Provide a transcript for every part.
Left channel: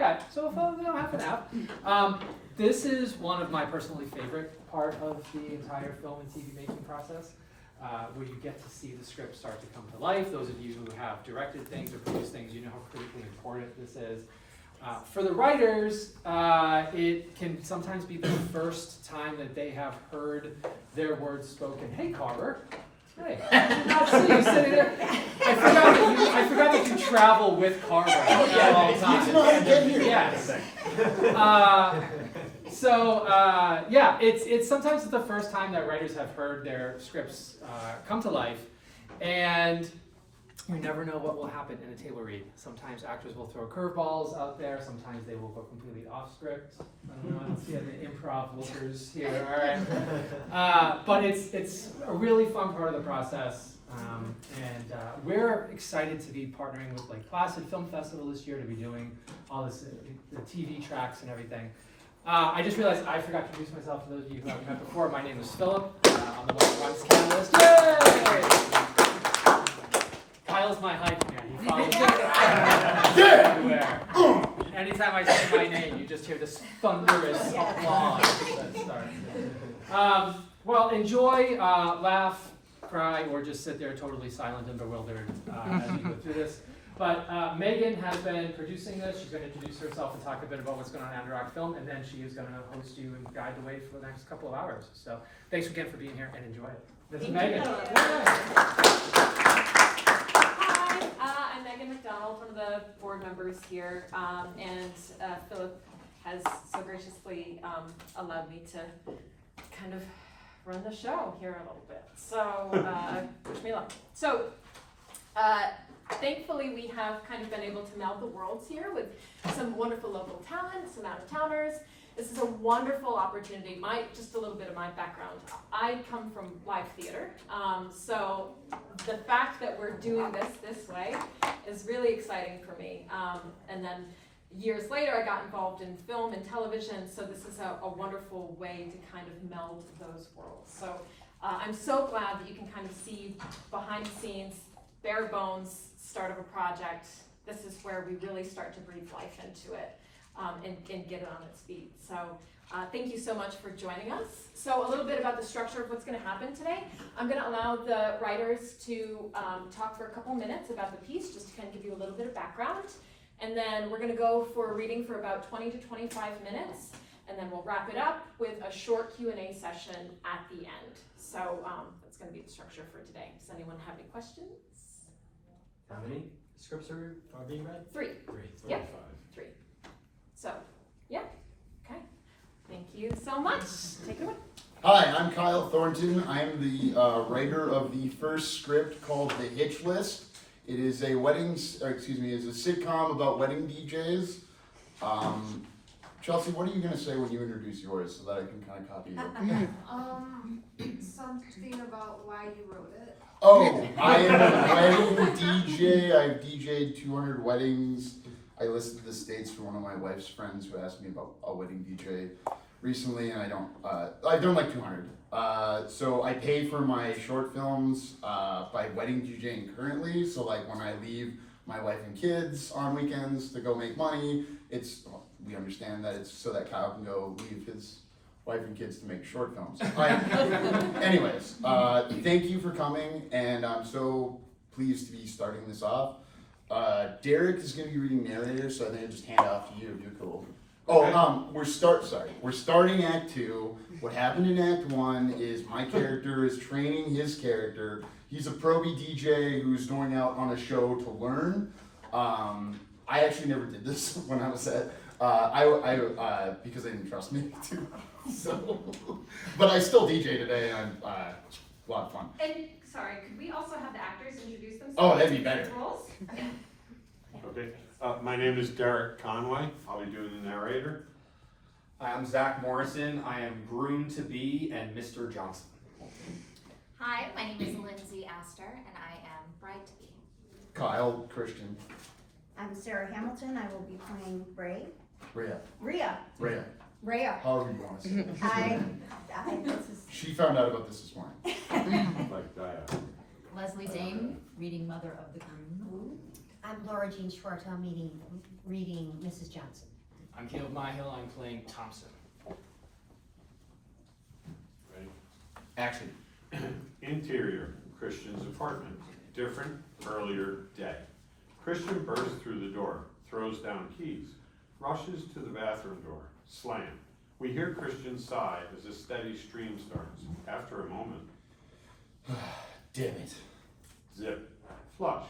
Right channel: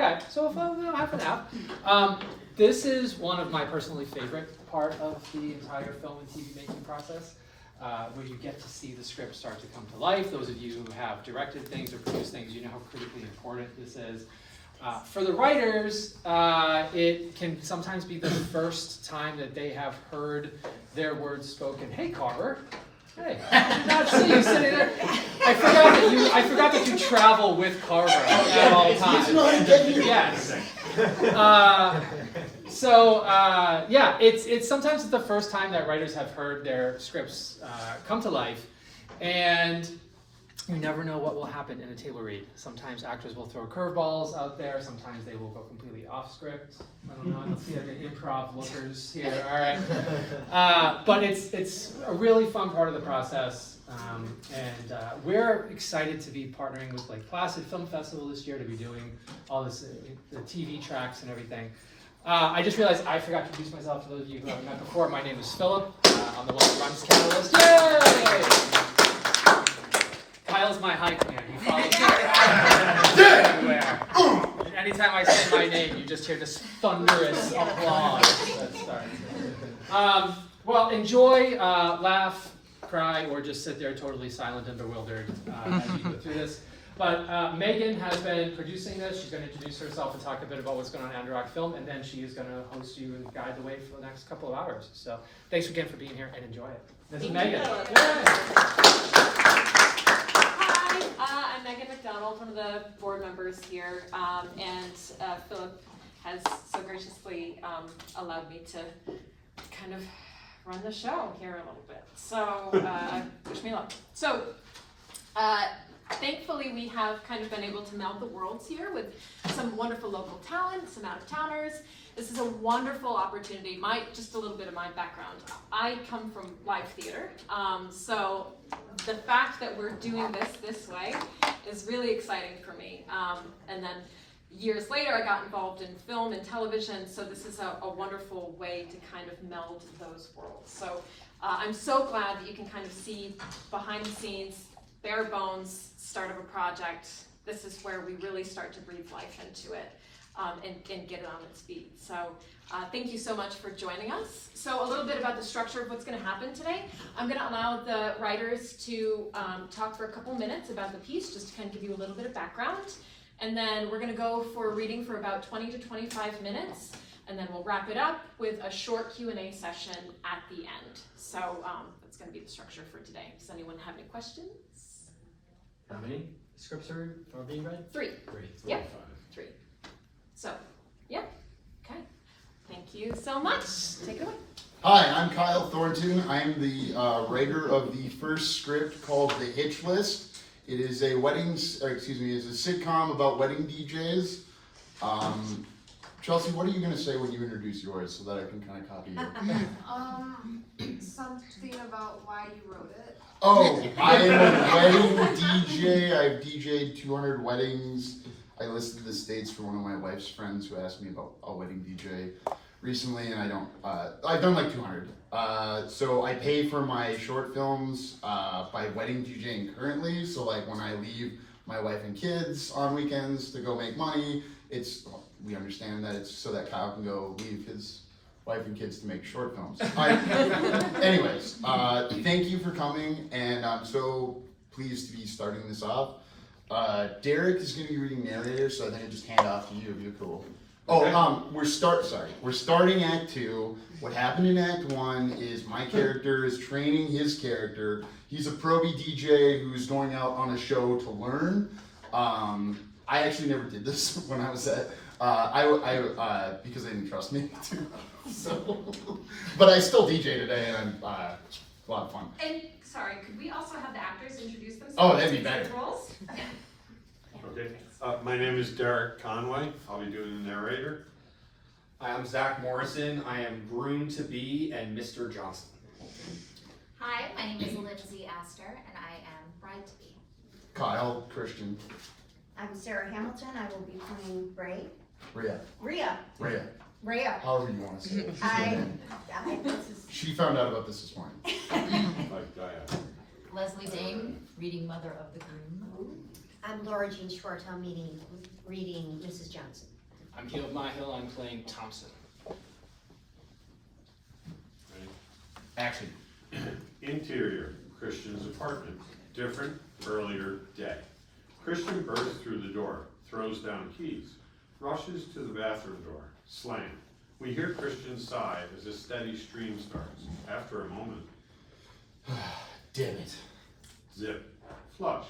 Okay, so we'll have an app. This is one of my personally favorite part of the entire film and TV making process, where you get to see the script start to come to life. Those of you who have directed things or produced things, you know how critically important this is. For the writers, it can sometimes be the first time that they have heard their words spoken. Hey, Carver. Hey, I did not see you sitting there. I forgot that you travel with Carver at all times. Yes. Yeah, it's sometimes the first time that writers have heard their scripts come to life, and you never know what will happen in a table read. Sometimes actors will throw curveballs out there. Sometimes they will go completely off script. I don't know. Let's see any improv lookers here. All right. But it's a really fun part of the process, and we're excited to be partnering with like Placid Film Festival this year to be doing all this, the TV tracks and everything. I just realized I forgot to introduce myself to those of you who haven't met before. My name is Philip. I'm the one who runs Catalyst. Yay! Kyle's my high command. He follows me everywhere. Anytime I say my name, you just hear this thunderous applause. Well, enjoy, laugh, cry, or just sit there totally silent and bewildered as we go through this. But Megan has been producing this. She's going to introduce herself and talk a bit about what's going on in Underdog Film, and then she is going to host you and guide the way for the next couple of hours. So thanks again for being here and enjoy it. This is Megan. I'm Megan McDonald, one of the board members here, and Philip has so graciously allowed me to kind of run the show here a little bit. So wish me luck. So thankfully we have kind of been able to meld the worlds here with some wonderful local talent, some out-of-towners. This is a wonderful opportunity. Just a little bit of my background. I come from live theater, so the fact that we're doing this way is really exciting for me. And then years later, I got involved in film and television, so this is a wonderful way to kind of meld those worlds. So I'm so glad that you can kind of see behind the scenes, bare bones, start of a project. This is where we really start to breathe life into it. And get it on its feet. So thank you so much for joining us. So a little bit about the structure of what's going to happen today. I'm going to allow the writers to talk for a couple minutes about the piece, just to kind of give you a little bit of background. And then we're going to go for a reading for about 20 to 25 minutes. And then we'll wrap it up with a short Q&A session at the end. So that's going to be the structure for today. Does anyone have any questions? How many scripts are being read? 3. 3. Yep. 3. So, yeah, okay. Thank you so much. Take it away. Hi, I'm Kyle Thornton. I am the writer of the first script called The Hitch List. It is a it's a sitcom about wedding DJs. Chelsea, what are you going to say when you introduce yours so that I can kind of copy you? Something about why you wrote it. Oh, I am a wedding DJ. I've DJ'd 200 weddings. I listed the states for one of my wife's friends who asked me about a wedding DJ recently, and I've done like 200. So I pay for my short films by wedding DJing currently. So like when I leave my wife and kids on weekends to go make money, we understand that it's so that Kyle can go leave his wife and kids to make short films. Anyways, thank you for coming, and I'm so pleased to be starting this off. Derek is going to be reading narrator, so I think I just hand off to you if you're cool. Okay. We're starting Act 2. What happened in Act 1 is my character is training his character. He's a pro-B DJ who's going out on a show to learn. I actually never did this when I was at, because they didn't trust me to. So, but I still DJ today, and I'm a lot of fun. And sorry, could we also have the actors introduce themselves? Oh, that'd be better. Okay, my name is Derek Conway. I'll be doing the narrator. Hi, I'm Zach Morrison. I am groom-to-be and Mr. Johnson. Hi, my name is Lindsay Astor, and I am bride-to-be. Kyle Christian. I'm Sarah Hamilton. I will be playing Rhea. Rhea. However you want to say it. She found out about this morning. Like Diana. Leslie Dane, reading Mother of the Groom. I'm Laura Jean Schwartz, I'm reading Mrs. Johnson. I'm Caleb Myhill, I'm playing Thompson. Ready? Action. Interior, Christian's apartment. Different, earlier day. Christian bursts through the door, throws down keys, rushes to the bathroom door. Slam. We hear Christian sigh as a steady stream starts. After a moment, Damn it. zip. Flush.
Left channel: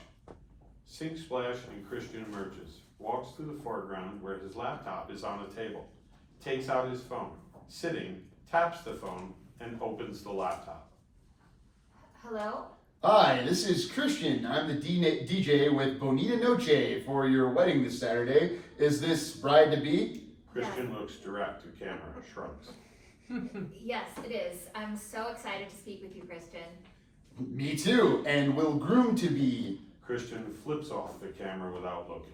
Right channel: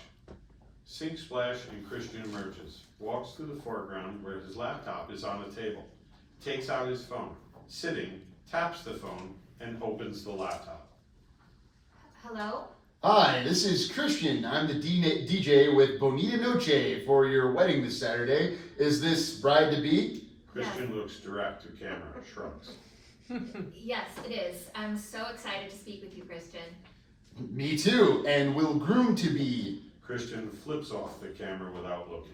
Sink splash and Christian emerges. Walks to the foreground where his laptop is on a table. Takes out his phone. Sitting, taps the phone, and opens the laptop. Hello? Hi, this is Christian. I'm the DJ with Bonita Noche for your wedding this Saturday. Is this bride-to-be? Christian looks direct to camera, shrugs. Yes, it is. I'm so excited to speak with you, Christian. Me too, and will groom-to-be Christian flips off the camera without looking.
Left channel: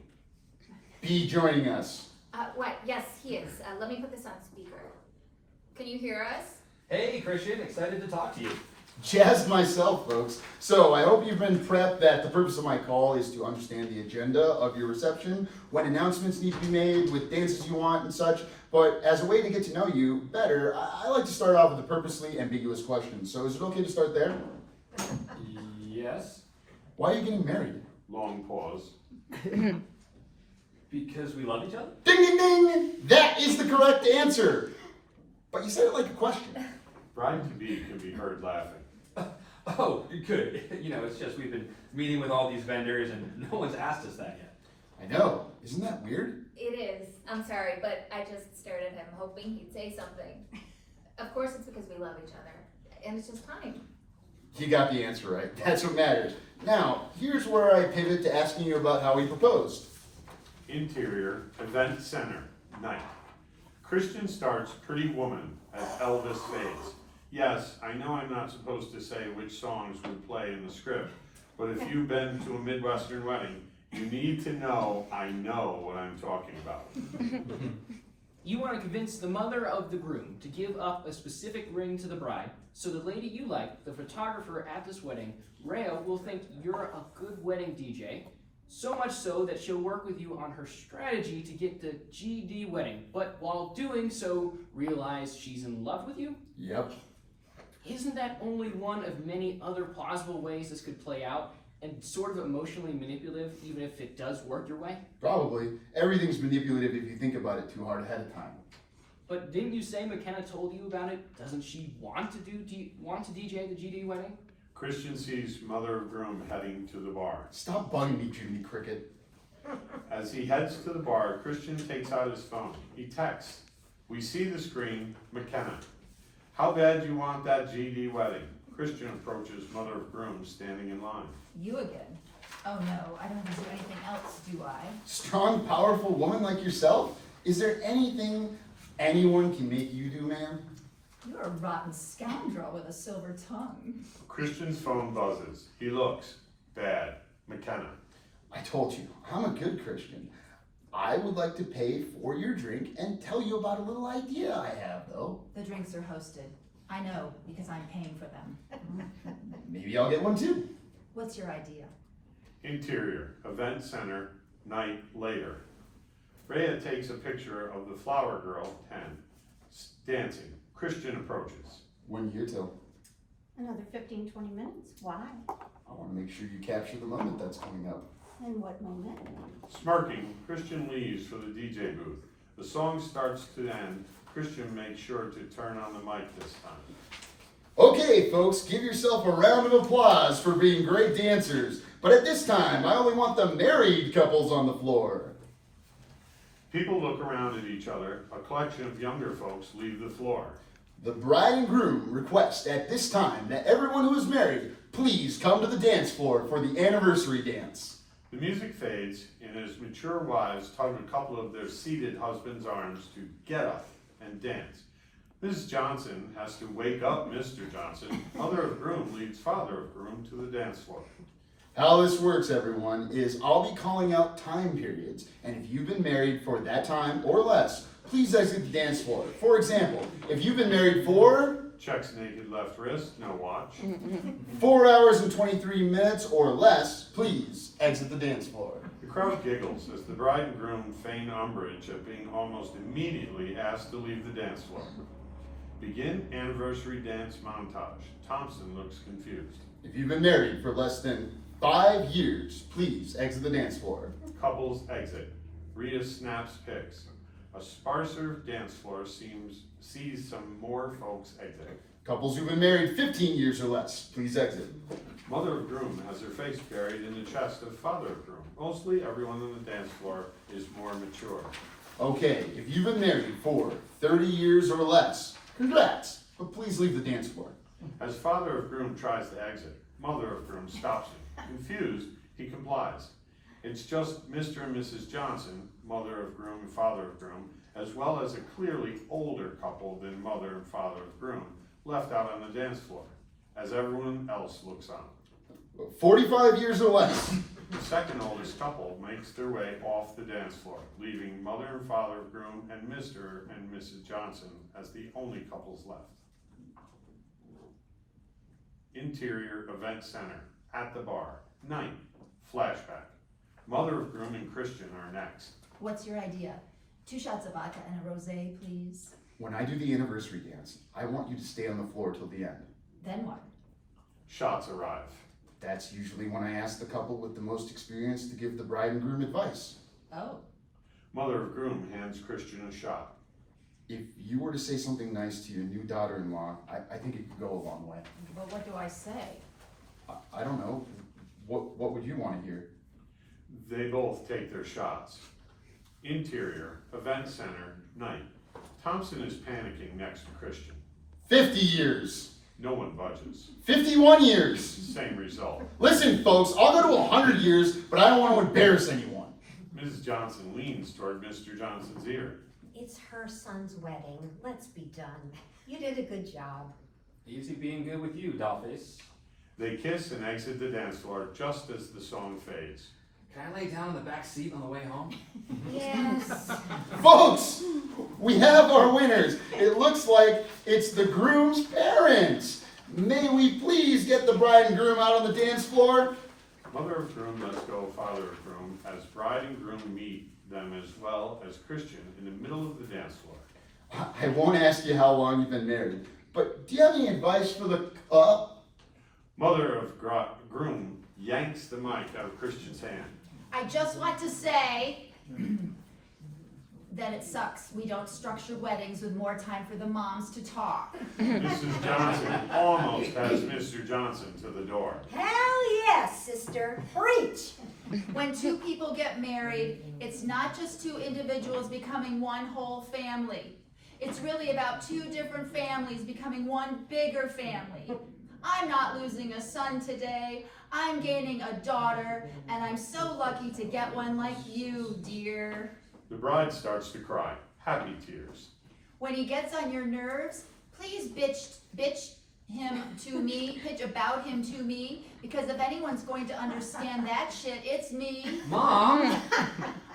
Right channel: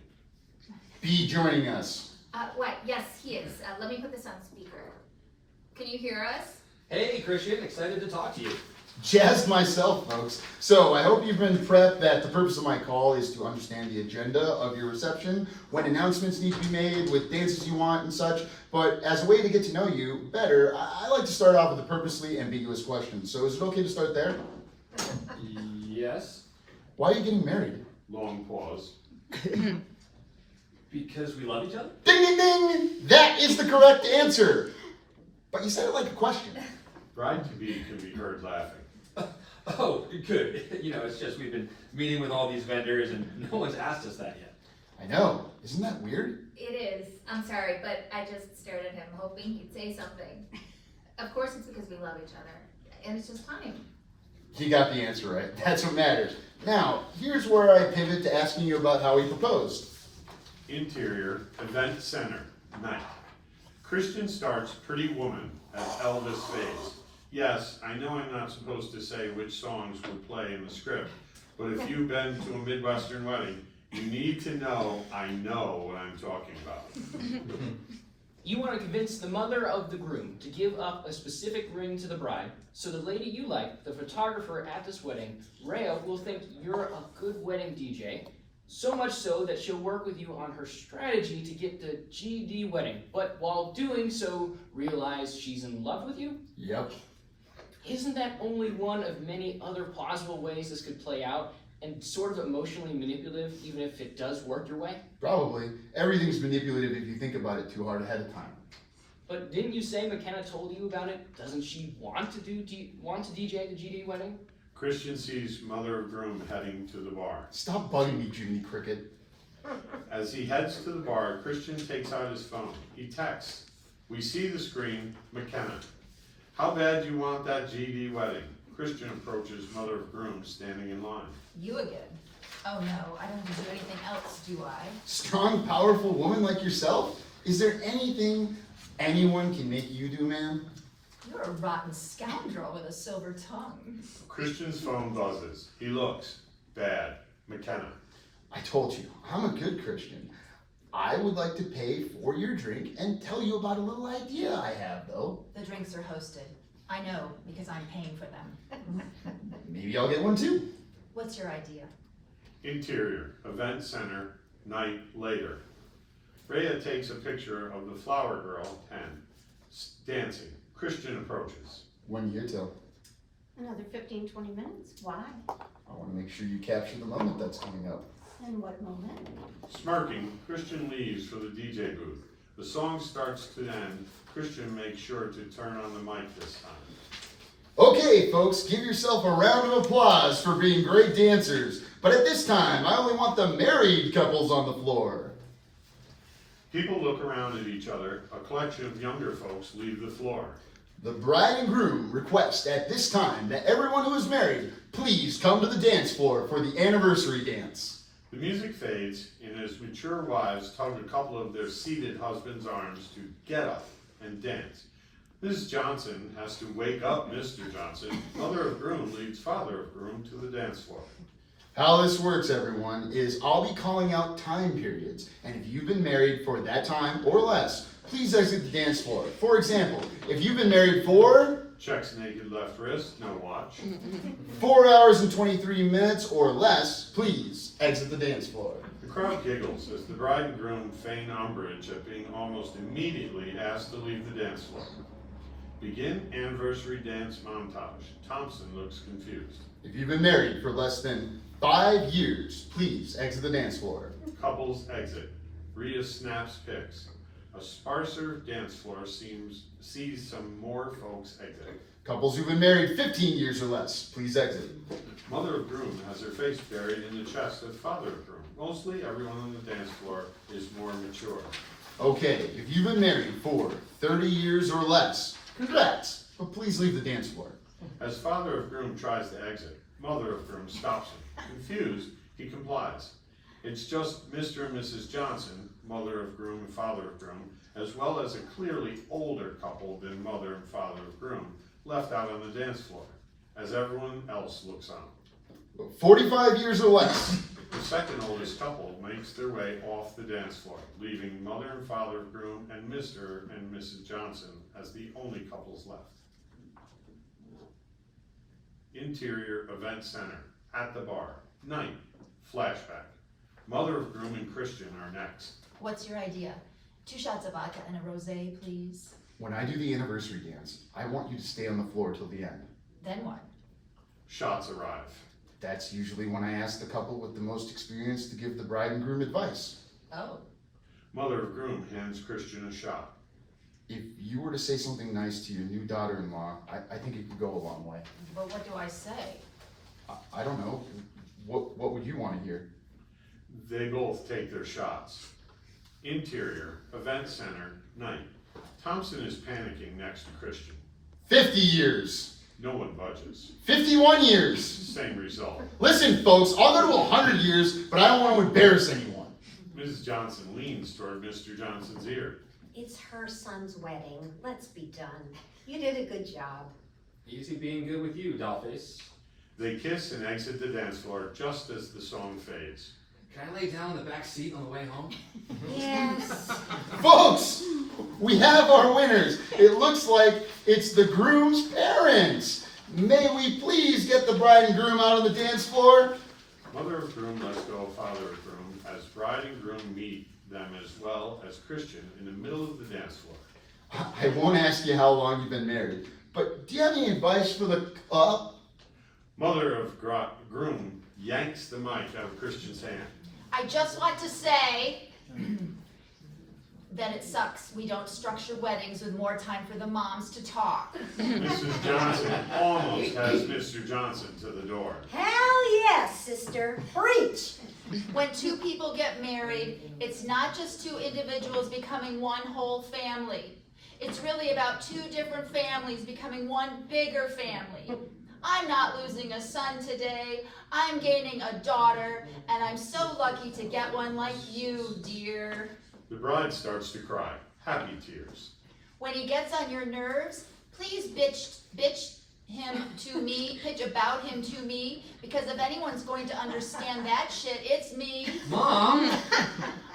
be joining us. What? Yes, he is. Let me put this on speaker. Can you hear us? Hey, Christian, excited to talk to you. Jazzed myself, folks. So I hope you've been prepped that the purpose of my call is to understand the agenda of your reception, when announcements need to be made, with dances you want and such. But as a way to get to know you better, I like to start off with a purposely ambiguous question. So is it okay to start there? Yes, Why are you getting married? Long pause. because we love each other? Ding, ding, ding! That is the correct answer. But you said it like a question. Bride-to-be can be heard laughing. Oh, good. You know, it's just we've been meeting with all these vendors and no one's asked us that yet. I know. Isn't that weird? It is. I'm sorry, but I just stared at him hoping he'd say something. Of course it's because we love each other. And it's just time. You got the answer right. That's what matters. Now, here's where I pivot to asking you about how he proposed. Interior, event center, night. Christian starts Pretty Woman as Elvis fades. Yes, I know I'm not supposed to say which songs would play in the script, but if you've been to a Midwestern wedding, you need to know I know what I'm talking about. You want to convince the mother of the groom to give up a specific ring to the bride, so the lady you like, the photographer at this wedding, Rhea, will think you're a good wedding DJ, so much so that she'll work with you on her strategy to get the GD wedding, but while doing so, realize she's in love with you? Yep. Isn't that only one of many other plausible ways this could play out, and sort of emotionally manipulative, even if it does work your way? Probably. Everything's manipulative if you think about it too hard ahead of time. But didn't you say McKenna told you about it? Doesn't she want to DJ the GD wedding? Christian sees mother of groom heading to the bar. Stop bugging me, Jiminy Cricket. As he heads to the bar, Christian takes out his phone. He texts. We see the screen, McKenna. How bad do you want that GD wedding? Christian approaches mother of groom standing in line. You again? Oh no, I don't do anything else, do I? Strong, powerful woman like yourself? Is there anything anyone can make you do, ma'am? You're a rotten scoundrel with a silver tongue. Christian's phone buzzes. He looks. Bad. McKenna. I told you, I'm a good Christian. I would like to pay for your drink and tell you about a little idea I have, though. The drinks are hosted. I know, because I'm paying for them. Maybe I'll get one too. What's your idea? Interior, event center, night later. Rhea takes a picture of the flower girl, 10, dancing. Christian approaches. When here till? Another 15, 20 minutes? Why? I want to make sure you capture the moment that's coming up. And what moment? Smirking, Christian leaves for the DJ booth. The song starts to end. Christian makes sure to turn on the mic this time. Okay, folks, give yourself a round of applause for being great dancers. But at this time, I only want the married couples on the floor. People look around at each other. A collection of younger folks leave the floor. The bride and groom request at this time that everyone who is married please come to the dance floor for the anniversary dance. The music fades, and as mature wives tug a couple of their seated husbands' arms to get up and dance. Mrs. Johnson has to wake up Mr. Johnson. Mother of groom leads father of groom to the dance floor. How this works, everyone, is I'll be calling out time periods, and if you've been married for that time or less, please exit the dance floor. For example, if you've been married for Checks naked left wrist, no watch. 4 hours and 23 minutes or less, please exit the dance floor. crowd giggles as the bride and groom feign umbrage at being almost immediately asked to leave the dance floor. Begin anniversary dance montage. Thompson looks confused. If you've been married for less than 5 years, please exit the dance floor. Couples exit. Rhea snaps pics. A sparser dance floor sees some more folks exiting. Couples who've been married 15 years or less, please exit. Mother of groom has her face buried in the chest of father of groom. Mostly everyone on the dance floor is more mature. Okay, if you've been married for 30 years or less, congrats, but please leave the dance floor. As father of groom tries to exit, mother of groom stops him. Confused, he complies. It's just Mr. and Mrs. Johnson, mother of groom and father of groom, as well as a clearly older couple than mother and father of groom, left out on the dance floor, as everyone else looks on. 45 years or less. The second oldest couple makes their way off the dance floor, leaving mother and father of groom and Mr. and Mrs. Johnson as the only couples left. Interior event center, at the bar, night, flashback. Mother of groom and Christian are next. What's your idea? 2 shots of vodka and a rosé, please. When I do the anniversary dance, I want you to stay on the floor till the end. Then what? Shots arrive. That's usually when I ask the couple with the most experience to give the bride and groom advice. Oh, Mother of groom hands Christian a shot. If you were to say something nice to your new daughter-in-law, I think it could go a long way. but what do I say? I don't know. What would you want to hear? They both take their shots. Interior, event center, night. Thompson is panicking next to Christian. 50 years. No one budges. 51 years. Same result. Listen, folks, I'll go to 100 years, but I don't want to embarrass anyone. Mrs. Johnson leans toward Mr. Johnson's ear. It's her son's wedding. Let's be done. You did a good job. Easy being good with you, dollface. They kiss and exit the dance floor just as the song fades. Can I lay down in the back seat on the way home? Yes. Folks, we have our winners. It looks like it's the groom's parents. May we please get the bride and groom out on the dance floor? Mother of groom lets go of father of groom as bride and groom meet them as well as Christian in the middle of the dance floor. I won't ask you how long you've been married, but do you have any advice for the Mother of groom yanks the mic out of Christian's hand. I just want to say that it sucks we don't structure weddings with more time for the moms to talk. Mrs. Johnson almost has Mr. Johnson to the door. Hell yes, sister. Preach. When 2 people get married, it's not just 2 individuals becoming one whole family. It's really about 2 different families becoming one bigger family. I'm not losing a son today. I'm gaining a daughter, and I'm so lucky to get one like you, dear. The bride starts to cry, happy tears. When he gets on your nerves, please bitch him to me, pitch about him to me, because if anyone's going to understand that shit, it's me. Mom!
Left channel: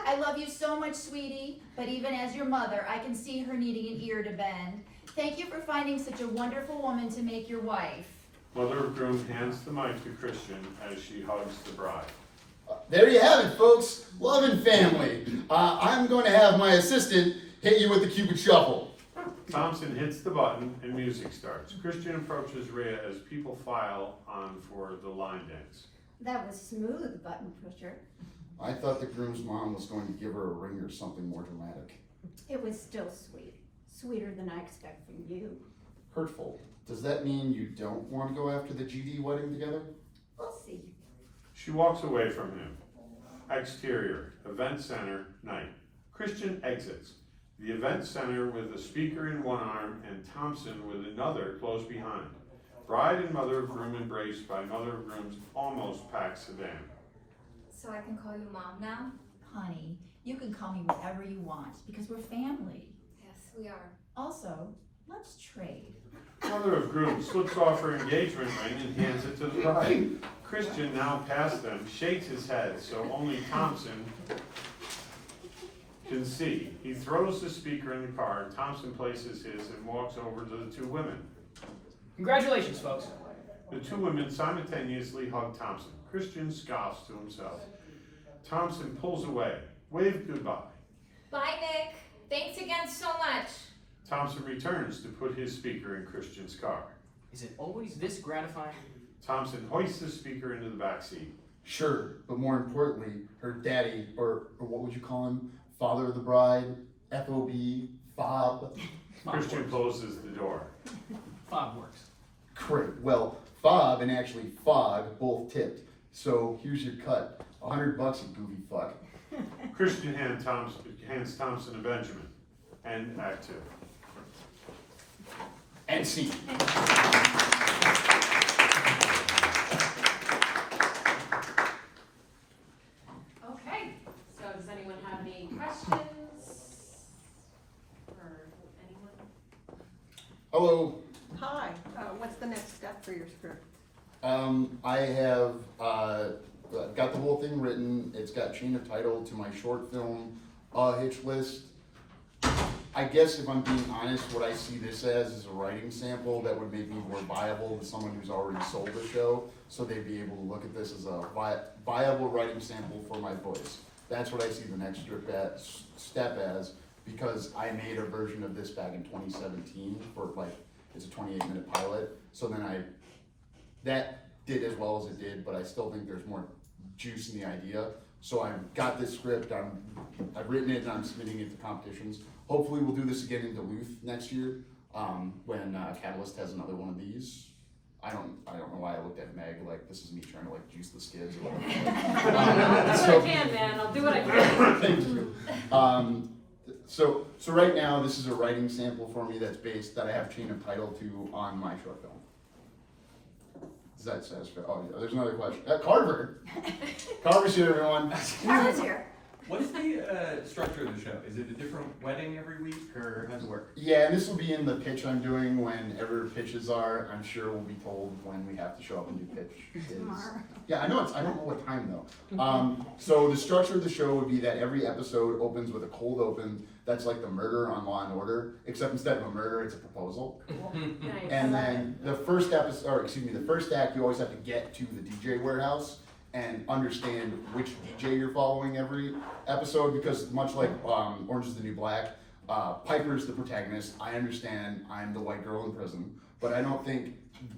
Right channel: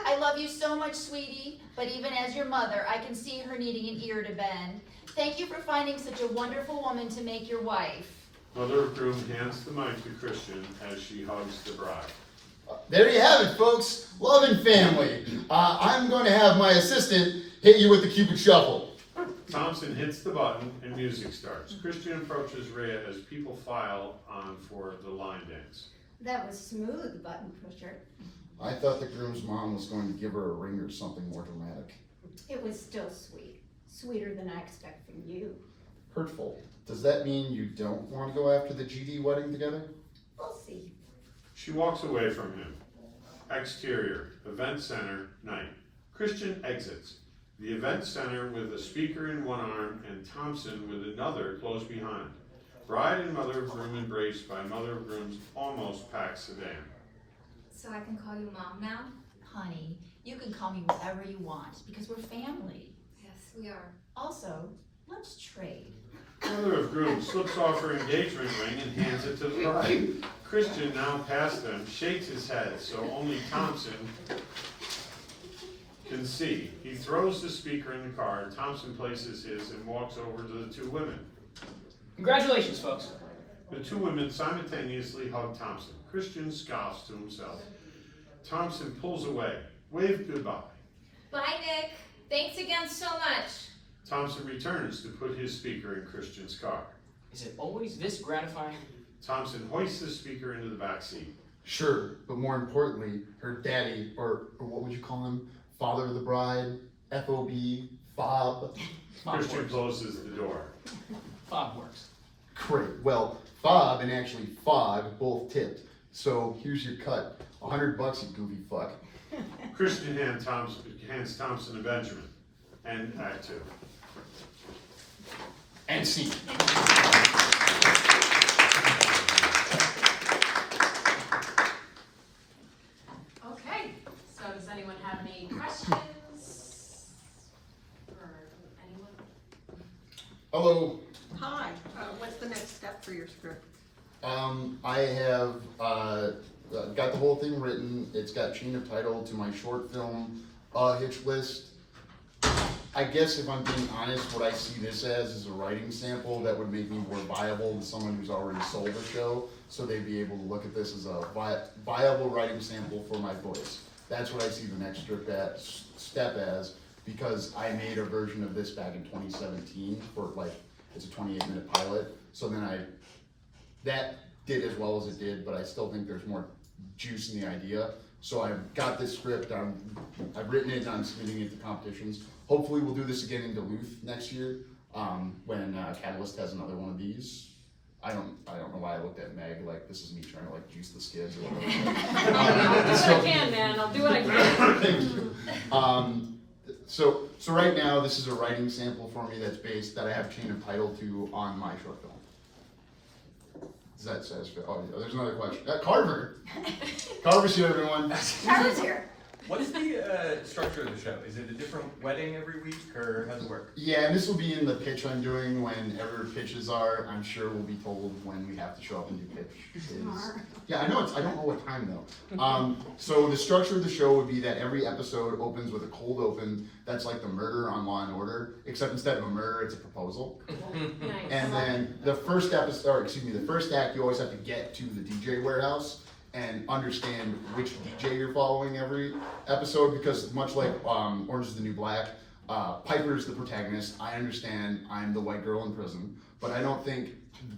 I love you so much, sweetie, but even as your mother, I can see her needing an ear to bend. Thank you for finding such a wonderful woman to make your wife. Mother of groom hands the mic to Christian as she hugs the bride. There you have it, folks. Love and family. I'm going to have my assistant hit you with the Cupid Shuffle. Thompson hits the button and music starts. Christian approaches Rhea as people file on for the line dance. That was smooth, button pusher. I thought the groom's mom was going to give her a ring or something more dramatic. It was still sweet. Sweeter than I expect from you. Hurtful. Does that mean you don't want to go after the GD wedding together? We'll see. She walks away from him. Exterior, event center, night. Christian exits. The event center with a speaker in one arm and Thompson with another close behind. Bride and mother of groom embraced by mother of groom's almost packed sedan. So I can call you mom now? Honey, you can call me whatever you want, because we're family. Yes, we are. Also, let's trade. Mother of groom slips off her engagement ring and hands it to the bride. Christian, now past them, shakes his head so only Thompson can see. He throws the speaker in the car. Thompson places his and walks over to the 2 women. Congratulations, folks. The 2 women simultaneously hug Thompson. Christian scoffs to himself. Thompson pulls away. Wave goodbye. Bye, Nick. Thanks again so much. Thompson returns to put his speaker in Christian's car. Is it always this gratifying? Thompson hoists the speaker into the back seat. Sure, but more importantly, her daddy, or what would you call him? Father of the bride, FOB, Fob. Christian closes the door. Fob works. Great. Well, Fob and actually Fog both tipped. So here's your cut. $100, you goofy fuck. Christian hands Thompson and Benjamin. And Act 2. And scene. Okay, so does anyone have any questions? Or anyone? Hello. Hi, what's the next step for your script? I have got the whole thing written. It's got chain of title to my short film, Hitch list. I guess if I'm being honest, what I see this as is a writing sample that would make me more viable to someone who's already sold a show, so they'd be able to look at this as a viable writing sample for my voice. That's what I see the next step as, because I made a version of this back in 2017 for it's a 28-minute pilot. So then that did as well as it did, but I still think there's more juice in the idea. So I've got this script, I've written it, and I'm submitting it to competitions. Hopefully we'll do this again in Duluth next year, when Catalyst has another one of these. I don't know why I looked at Meg like this is me trying to juice the skids or whatever. I'll do what I can, man. I'll do what I can. Thank you. So right now this is a writing sample for me that I have chain of title to on my short film. Does that satisfy? Oh yeah, there's another question. Carver. Carver's here, everyone. Carla's here. What is the structure of the show? Is it a different wedding every week, or how does it work? Yeah, and this will be in the pitch I'm doing whenever pitches are. I'm sure we'll be told when we have to show up and do pitches. Yeah, I know I don't know what time though. So the structure of the show would be that every episode opens with a cold open that's like the murder on Law and Order, except instead of a murder, it's a proposal. Nice. And then the first act, you always have to get to the DJ warehouse and understand which DJ you're following every episode, because much like Orange is the New Black, Piper's the protagonist. I understand I'm the white girl in prison, but I don't think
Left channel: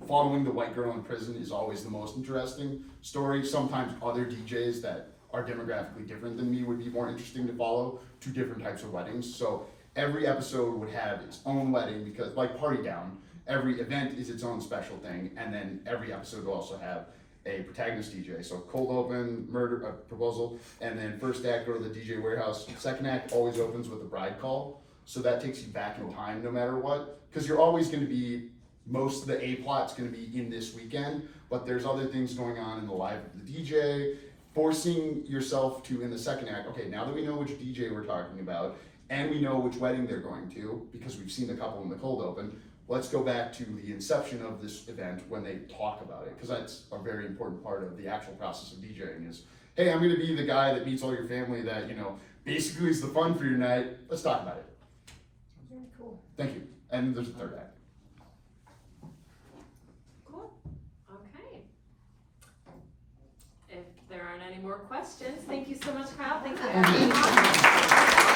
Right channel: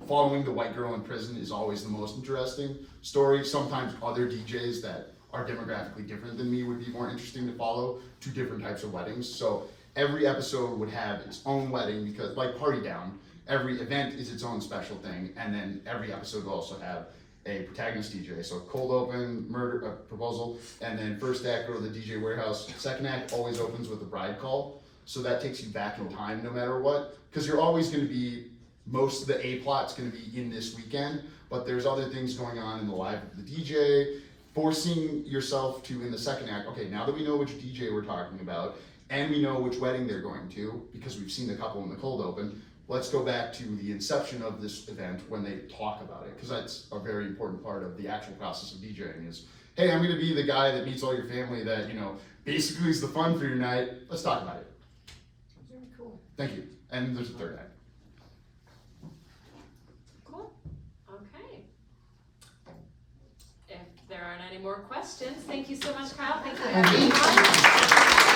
following the white girl in prison is always the most interesting story. Sometimes other DJs that are demographically different than me would be more interesting to follow, two different types of weddings. So every episode would have its own wedding, because like Party Down, every event is its own special thing, and then every episode will also have a protagonist DJ. So cold open, murder, proposal, and then first act go to the DJ warehouse. Second act always opens with a bride call. So that takes you back in time no matter what, because you're always going to be, most of the A plot's going to be in this weekend, but there's other things going on in the life of the DJ, forcing yourself to, in the second act, okay, now that we know which DJ we're talking about, and we know which wedding they're going to, because we've seen the couple in the cold open, let's go back to the inception of this event when they talk about it, because that's a very important part of the actual process of DJing is, hey, I'm going to be the guy that meets all your family that, basically is the fun for your night. Let's talk about it. Very cool. Thank you. And there's a third act. Cool. Okay. If there aren't any more questions, thank you so much, Kyle. Thank you. Thank you.